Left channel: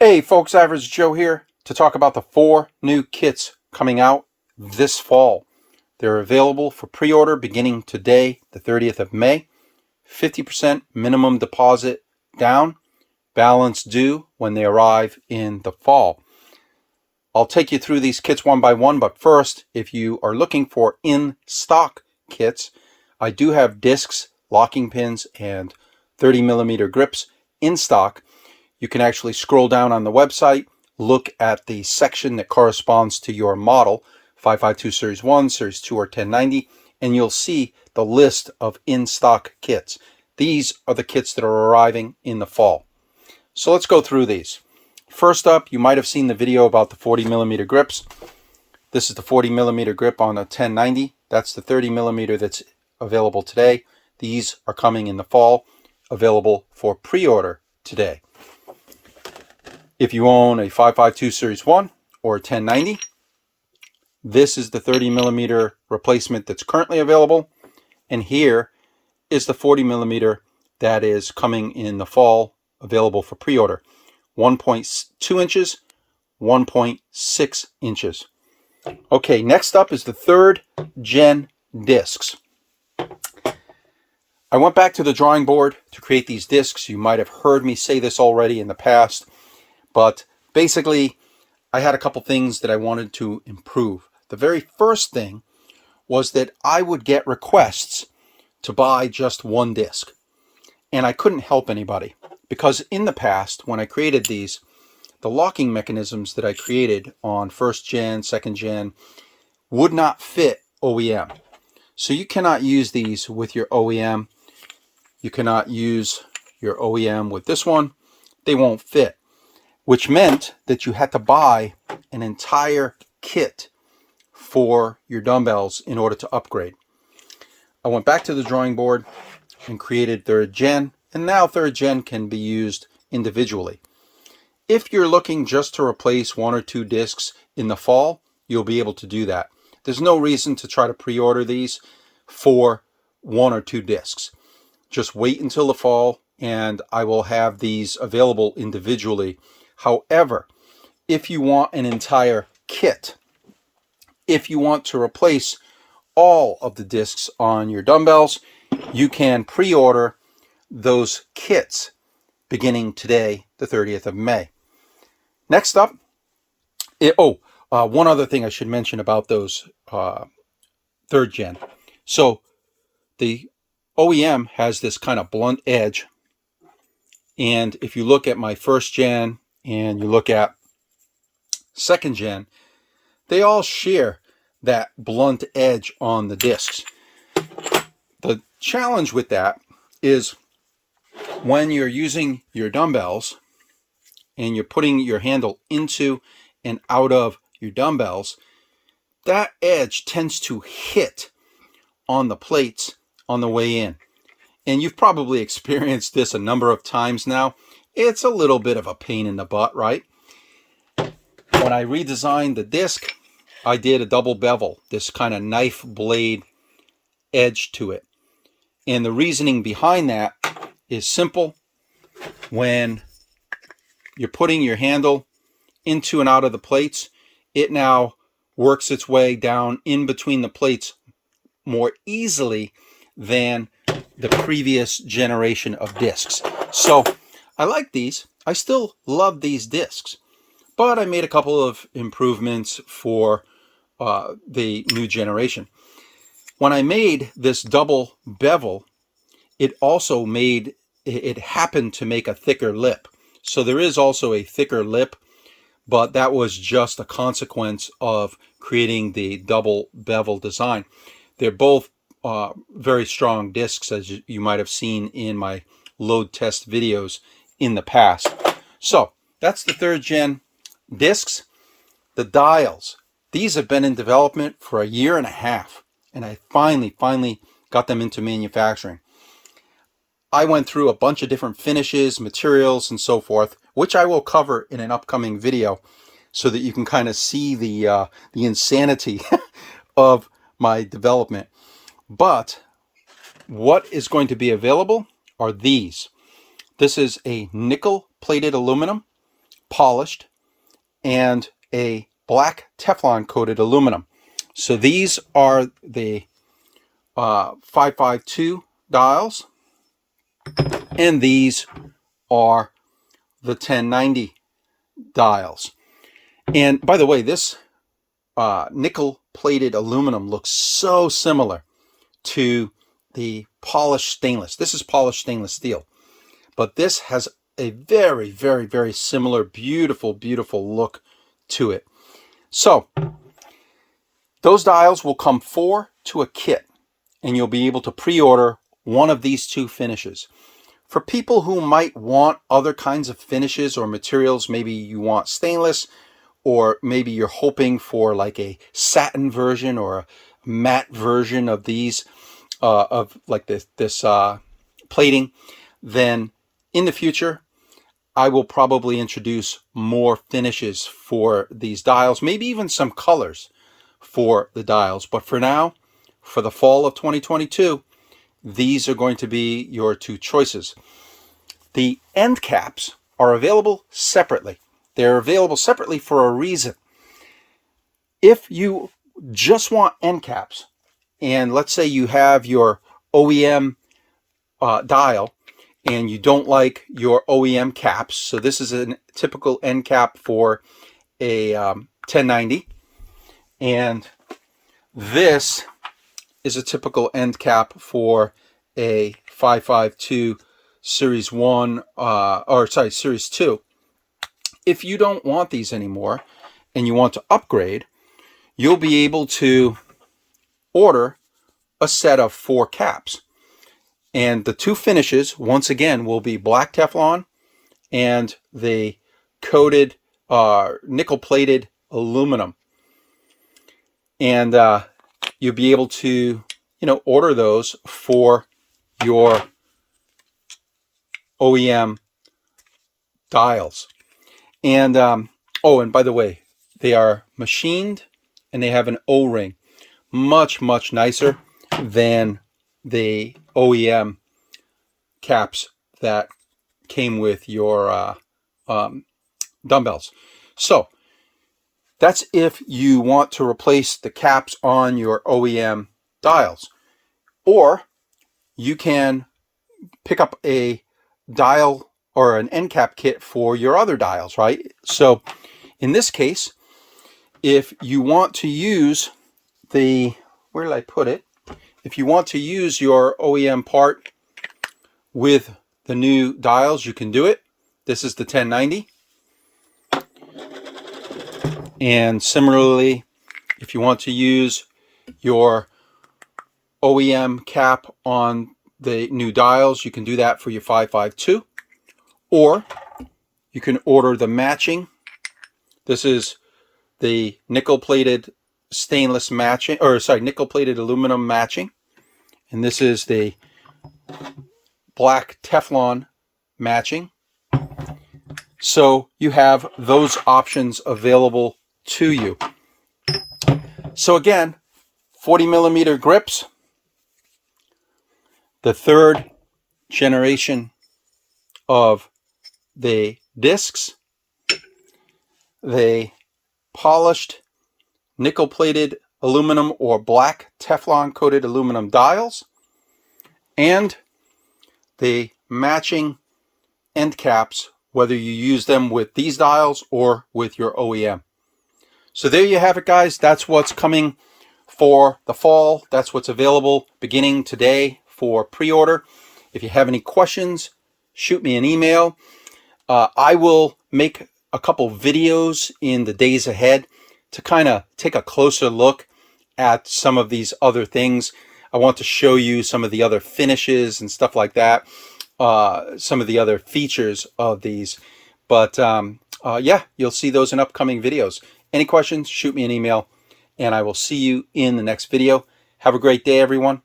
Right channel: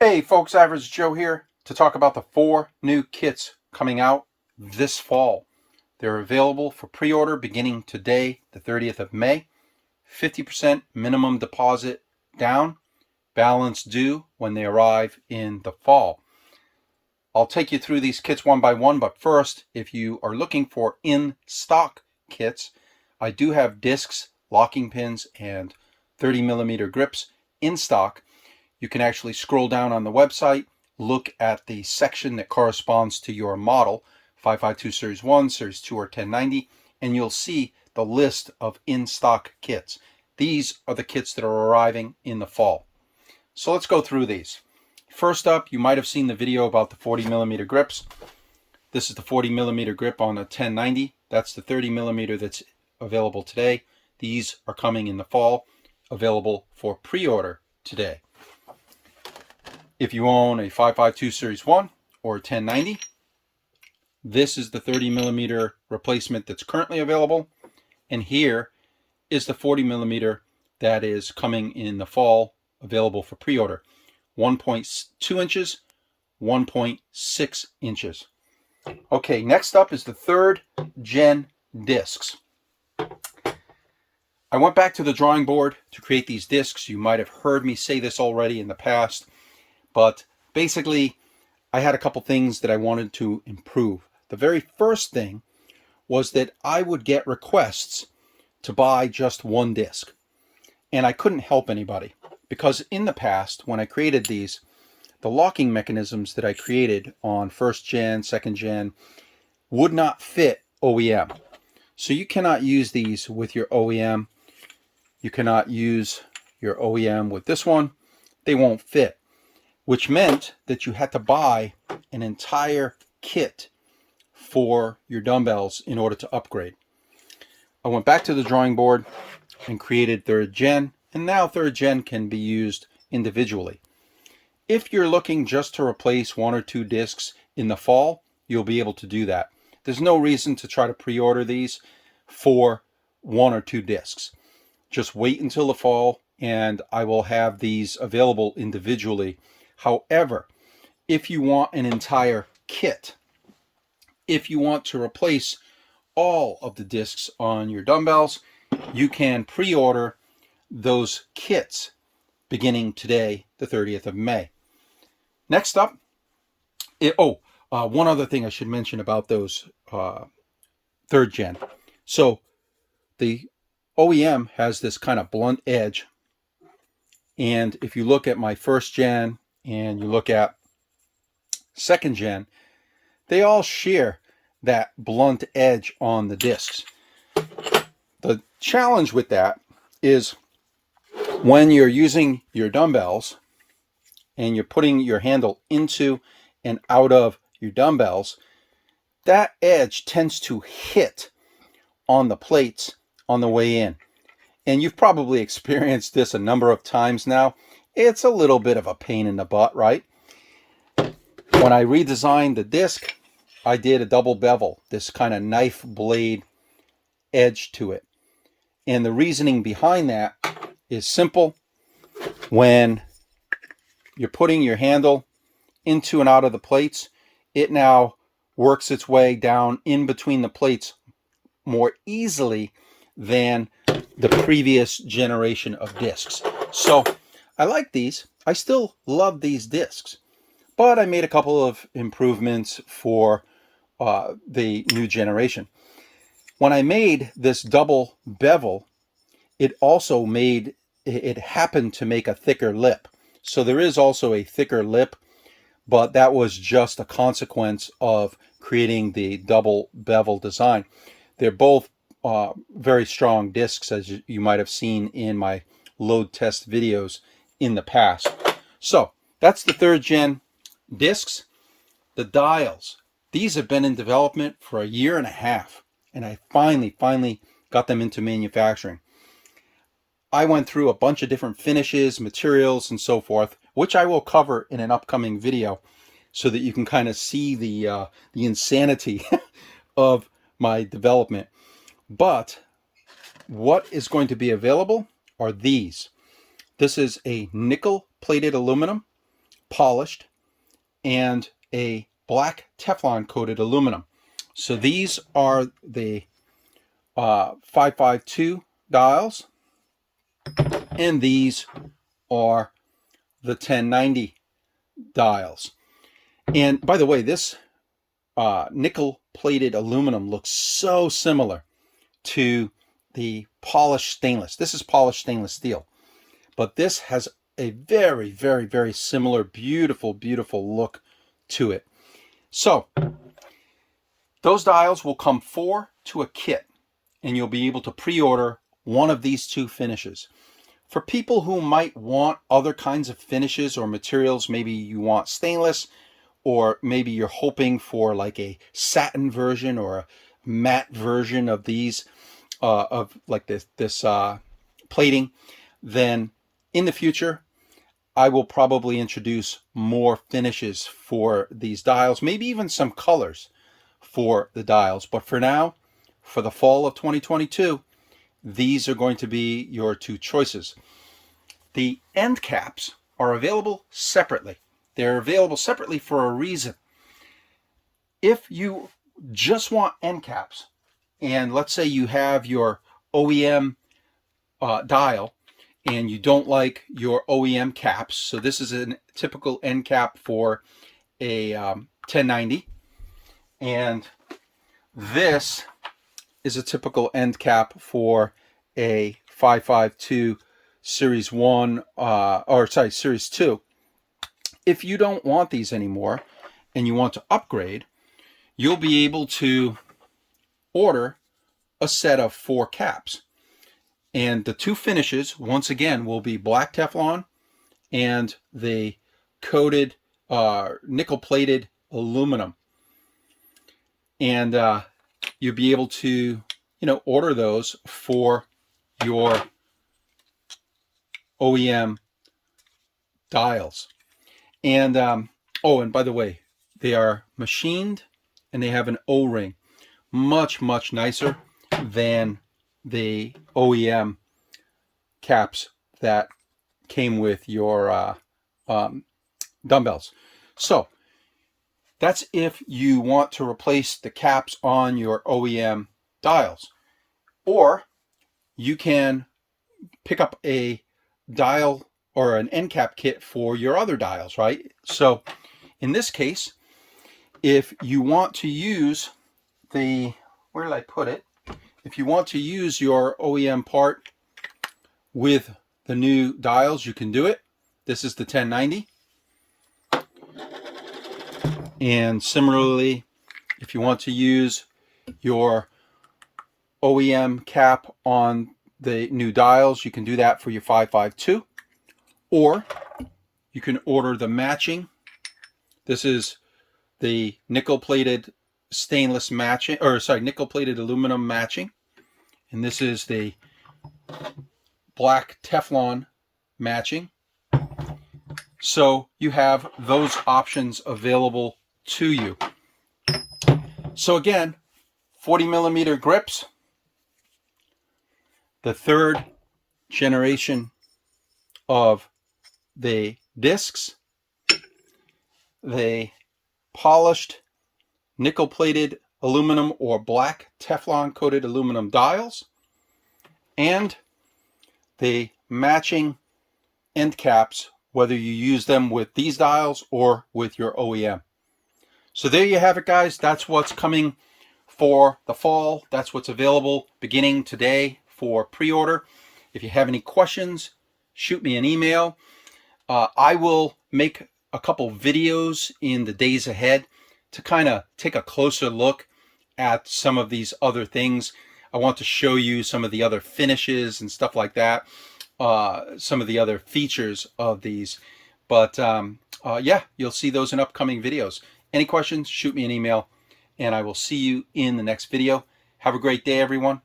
Hey folks, Average Joe here to talk about the 4 new kits coming out this fall. They're available for pre-order beginning today, the 30th of May. 50% minimum deposit down, balance due when they arrive in the fall. I'll take you through these kits one by one, but first, if you are looking for in-stock kits, I do have discs, locking pins, and 30mm grips in stock. You can actually scroll down on the website, look at the section that corresponds to your model, 552 Series 1, Series 2, or 1090, and you'll see the list of in-stock kits. These are the kits that are arriving in the fall. So let's go through these. First up, you might have seen the video about the 40mm grips. This is the 40mm grip on a 1090. That's the 30mm that's available today. These are coming in the fall, available for pre-order today. If you own a 552 Series 1 or a 1090, this is the 30mm replacement that's currently available. And here is the 40mm that is coming in the fall, available for pre-order. 1.2 inches, 1.6 inches. Okay, next up is the 3rd gen discs. I went back to the drawing board to create these discs. You might have heard me say this already in the past. But basically, I had a couple things that I wanted to improve. The very first thing was that I would get requests to buy just one disc. And I couldn't help anybody because in the past, when I created these, the locking mechanisms that I created on 1st gen, 2nd gen would not fit OEM. So you cannot use these with your OEM. You cannot use your OEM with this one. They won't fit, which meant that you had to buy an entire kit for your dumbbells in order to upgrade. I went back to the drawing board and created 3rd gen, and now 3rd gen can be used individually. If you're looking just to replace 1 or 2 discs in the fall, you'll be able to do that. There's no reason to try to pre-order these for 1 or 2 discs. Just wait until the fall, and I will have these available individually. However, if you want an entire kit, if you want to replace all of the discs on your dumbbells, you can pre-order those kits beginning today, the 30th of May. Next up, one other thing I should mention about those 3rd gen. So the OEM has this kind of blunt edge, and if you look at my 1st gen and you look at 2nd gen, they all share that blunt edge on the discs. The challenge with that is when you're using your dumbbells and you're putting your handle into and out of your dumbbells, that edge tends to hit on the plates on the way in. And you've probably experienced this a number of times now. It's a little bit of a pain in the butt, right? When I redesigned the disc, I did a double bevel, this kind of knife blade edge to it. And the reasoning behind that is simple. When you're putting your handle into and out of the plates, it now works its way down in between the plates more easily than the previous generation of discs. So I like these. I still love these discs, but I made a couple of improvements for the new generation. When I made this double bevel, it happened to make a thicker lip. So there is also a thicker lip, but that was just a consequence of creating the double bevel design. They're both very strong discs, as you might have seen in my load test videos in the past. So that's the 3rd gen discs. The dials, these have been in development for a year and a half, and I finally got them into manufacturing. I went through a bunch of different finishes, materials, and so forth, which I will cover in an upcoming video so that you can kind of see the insanity of my development. But what is going to be available are these. This is a nickel-plated aluminum polished, and a black Teflon coated aluminum. So these are the 552 dials, and these are the 1090 dials. And by the way, this nickel plated aluminum looks so similar to the polished stainless. This is polished stainless steel, but this has a very, very, very similar, beautiful, beautiful look to it. So those dials will come 4 to a kit, and you'll be able to pre-order one of these 2 finishes. For people who might want other kinds of finishes or materials, maybe you want stainless, or maybe you're hoping for like a satin version or a matte version of these, of like this plating, then in the future, I will probably introduce more finishes for these dials, maybe even some colors for the dials. But for now, for the fall of 2022, these are going to be your 2 choices. The end caps are available separately. They're available separately for a reason. If you just want end caps, and let's say you have your OEM dial, and you don't like your OEM caps, so this is a typical end cap for a 1090, and this is a typical end cap for a 552 Series 1, Series 2. If you don't want these anymore and you want to upgrade, you'll be able to order a set of 4 caps. And the 2 finishes, once again, will be black Teflon and the coated nickel-plated aluminum. And you'll be able to, order those for your OEM dials. And and by the way, they are machined and they have an O-ring, much, much nicer than the OEM caps that came with your dumbbells. So that's if you want to replace the caps on your OEM dials, or you can pick up a dial or an end cap kit for your other dials, right? So in this case, if you want to use the, where did I put it? If you want to use your OEM part with the new dials, you can do it. This is the 1090. And similarly, if you want to use your OEM cap on the new dials, you can do that for your 552. Or you can order the matching. This is the nickel-plated stainless matching, nickel-plated aluminum matching. And this is the black Teflon matching. So you have those options available to you. So again, 40mm grips, the 3rd generation of the discs, the polished nickel-plated aluminum or black Teflon coated aluminum dials, and the matching end caps, whether you use them with these dials or with your OEM. So there you have it, guys. That's what's coming for the fall. That's what's available beginning today for pre-order. If you have any questions, shoot me an email. I will make a couple videos in the days ahead to kind of take a closer look at some of these other things. I want to show you some of the other finishes and stuff like that, some of the other features of these. But yeah, you'll see those in upcoming videos. Any questions, shoot me an email, and I will see you in the next video. Have a great day, everyone.